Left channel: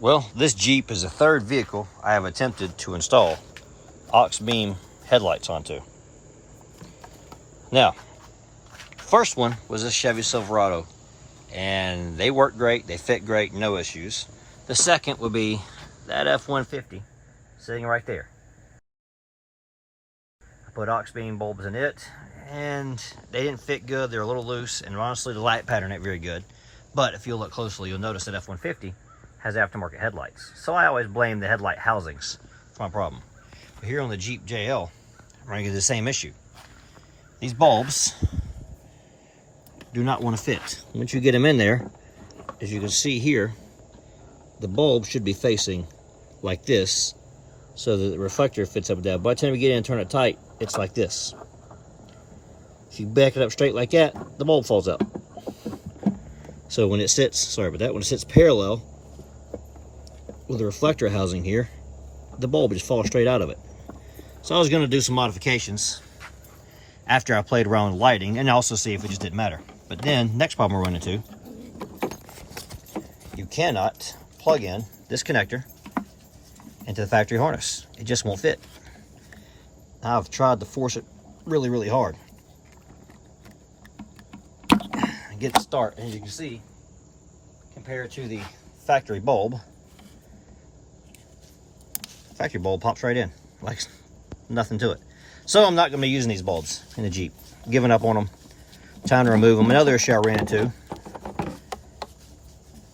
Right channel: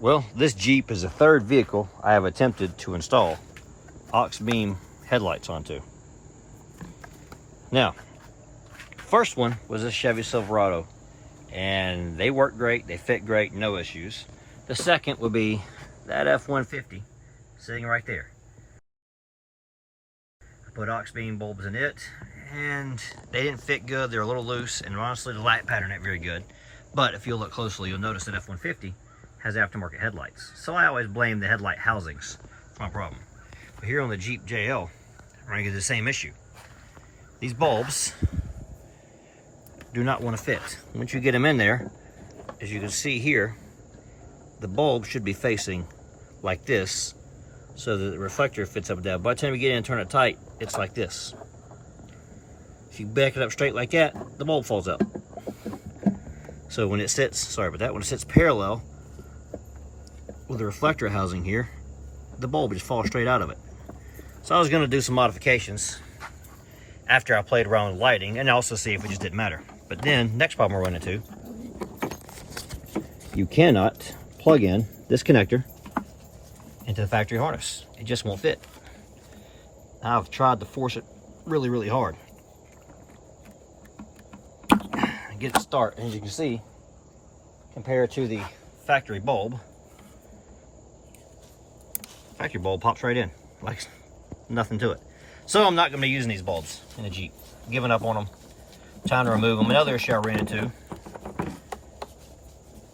Well, this Jeep is the third vehicle I have attempted to install Auxbeam headlights onto. Now, first one was this Chevy Silverado, and they work great, they fit great, no issues. The second would be that F150 sitting right there. I put Auxbeam bulbs in it, and they didn't fit good. They're a little loose, and honestly, the light pattern ain't very good. But if you look closely, you'll notice that F150 has aftermarket headlights. So I always blame the headlight housings for my problem. But here on the Jeep JL, I'm running into the same issue. These bulbs do not want to fit. Once you get them in there, as you can see here, the bulb should be facing like this so that the reflector fits up and down. By the time you get in and turn it tight, it's like this. If you back it up straight like that, the bulb falls out. So when it sits, sorry about that, when it sits parallel with the reflector housing here, the bulb just falls straight out of it. So I was going to do some modifications after I played around with lighting and also see if it just didn't matter. But then, next problem we're running into, you cannot plug in this connector into the factory harness. It just won't fit. I've tried to force it really, really hard. Get it start, as you can see, compared to the factory bulb pops right in, like nothing to it. So I'm not going to be using these bulbs in the Jeep. Giving up on them. Time to remove them. Another issue I ran into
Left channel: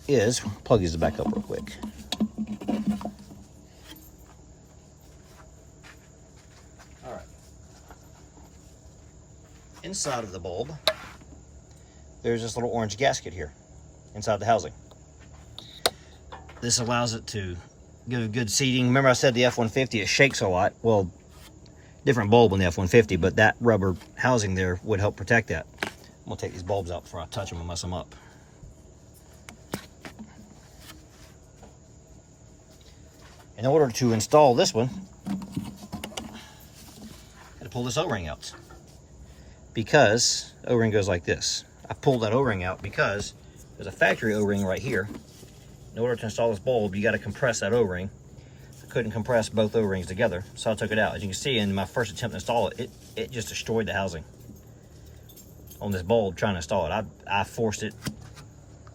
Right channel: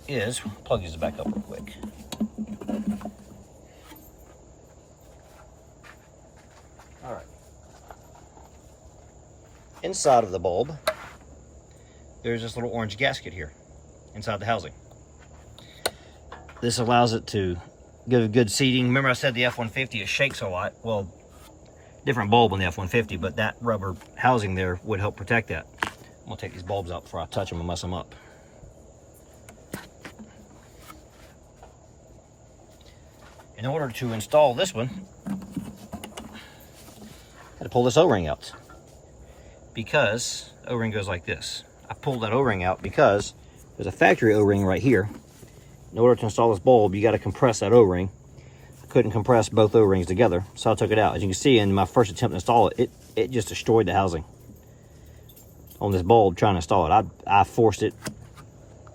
is, plug these back up real quick. All right. Inside of the bulb, there's this little orange gasket here inside the housing. This allows it to give a good seating. Remember I said the F-150, it shakes a lot. Well, different bulb on the F-150, but that rubber housing there would help protect that. I'm gonna take these bulbs out before I touch them and mess them up. In order to install this one, I had to pull this O-ring out, because the O-ring goes like this. I pulled that O-ring out because there's a factory O-ring right here. In order to install this bulb, you got to compress that O-ring. I couldn't compress both O-rings together, so I took it out. As you can see, in my first attempt to install it, it just destroyed the housing on this bulb trying to install it. I forced it,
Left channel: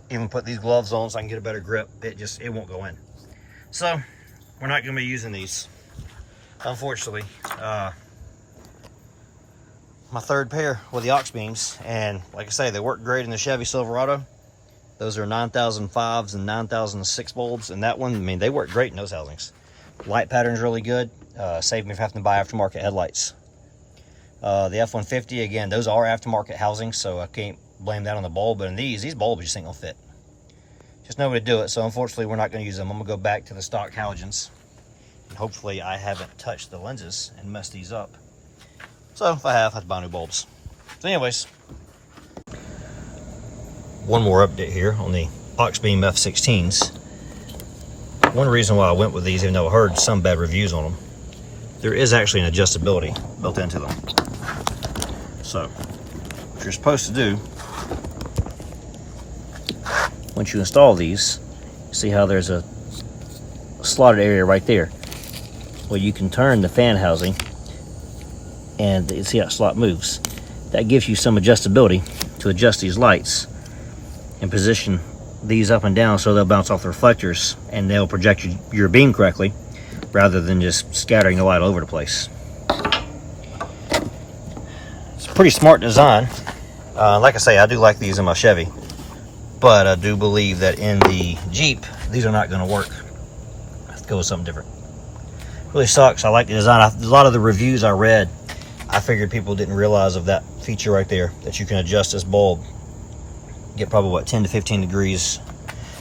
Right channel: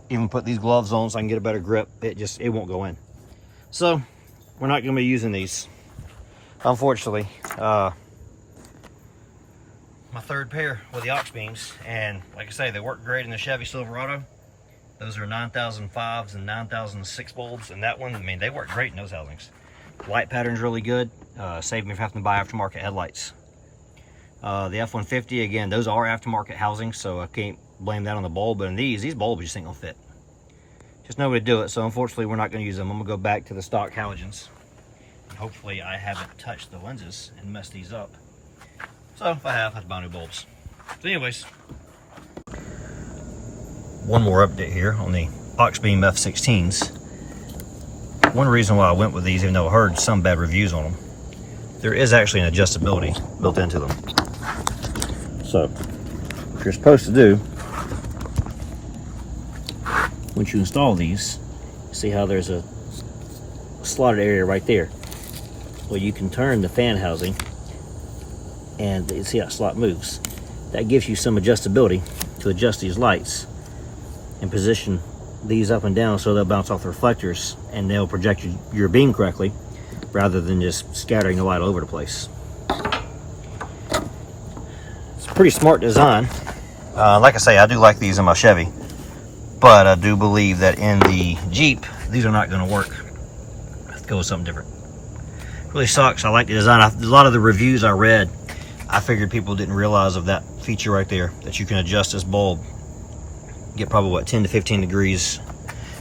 even put these gloves on so I can get a better grip. It won't go in. So we're not going to be using these, unfortunately. My third pair with the Auxbeams, and like I say, they work great in the Chevy Silverado. Those are 9005s and 9006 bulbs, and that one, I mean, they work great in those housings. Light pattern's really good. Saved me from having to buy aftermarket headlights. The F-150, again, those are aftermarket housings, so I can't blame that on the bulb. But in these bulbs just ain't gonna fit. Just no way to do it, so unfortunately we're not gonna use them. I'm gonna go back to the stock halogens. And hopefully I haven't touched the lenses and messed these up. So if I have to buy new bulbs. So anyways, one more update here on the Auxbeam F16s. One reason why I went with these, even though I heard some bad reviews on them, there is actually an adjustability built into them. So what you're supposed to do, once you install these, see how there's a slotted area right there. Well, you can turn the fan housing and you see how that slot moves. That gives you some adjustability to adjust these lights and position these up and down so they'll bounce off the reflectors and they'll project your beam correctly rather than just scattering the light all over the place. It's a pretty smart design. Like I say, I do like these in my Chevy, but I do believe that in the Jeep, these are not going to work. Let's go with something different. Really sucks. I like the design. A lot of the reviews I read, I figured people didn't realize of that feature right there, that you can adjust this bulb. Get probably, what, 10 to 15 degrees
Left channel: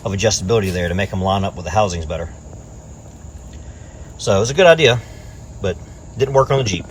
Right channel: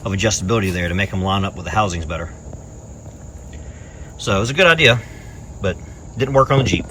of adjustability there to make them line up with the housings better. So it was a good idea, but didn't work on the Jeep.